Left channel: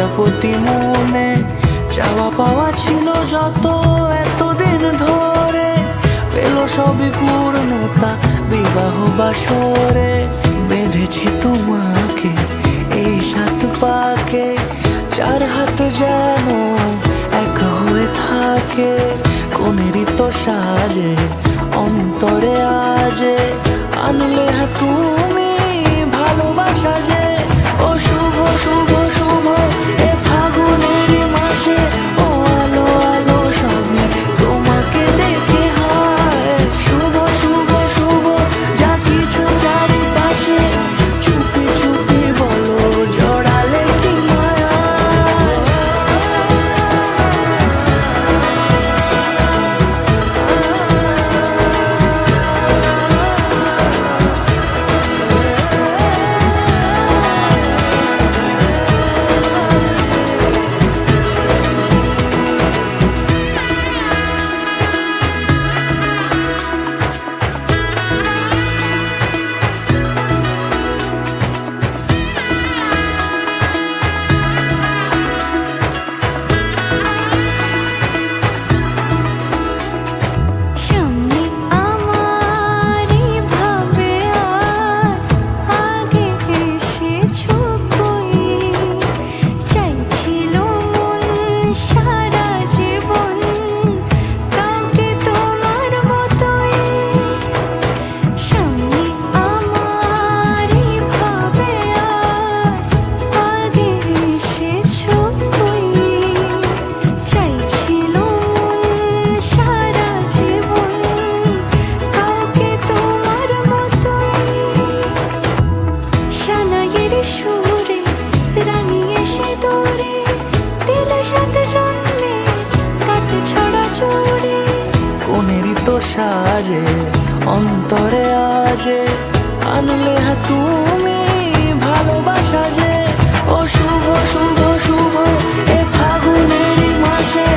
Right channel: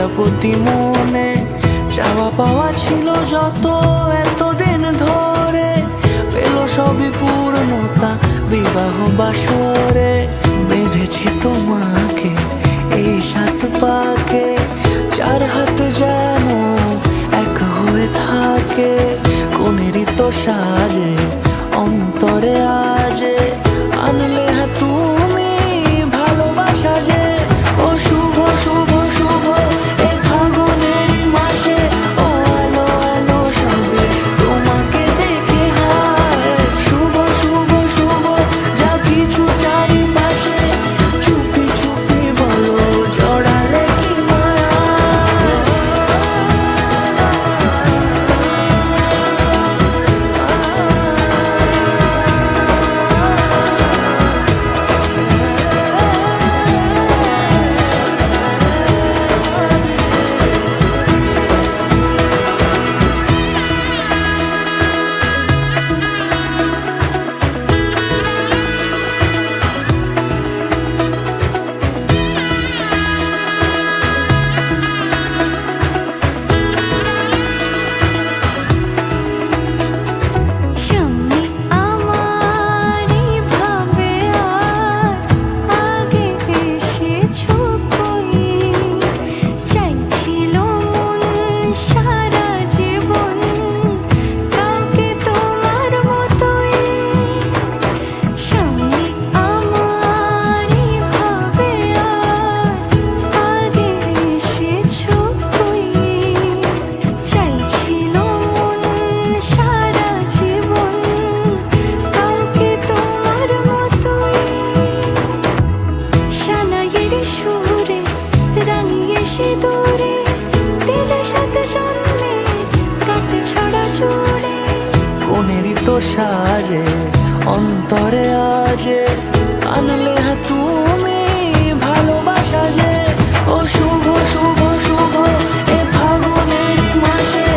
প্রজাপতি মনে চাওয়া পাওয়া ছিল যত এতদিন ধরে, পেল সবই পূর্ণতা বিবাহ বাসরে। বেঁধেছি তোমাকে এই 7 পাকে, 4 হাত যেন এক হয়ে থাকে। কোনেরই তো সাজে অন্তরে আজে, আনলে তুমি ভালোবাসা যে। ও শুভ শুভ শুভ এ ফাগুনেরই মাসে, ও আলো আলো সবই তোমাকে দেখে হায়। শুভ শুভ শুভ যা কিছু চারিপাশে, চুপি চুপি বলো জড়ালে কি মায়া। সুরে রাঙিয়ে সে দূরে দিলে 7 জন্মের কাট ছড়া জোড়ে। কোনেরই তো সাজে অন্তরে আজে, আনলে তুমি ভালোবাসা যে। ও শুভ শুভ শুভ এ ফাগুনেরই মাসে,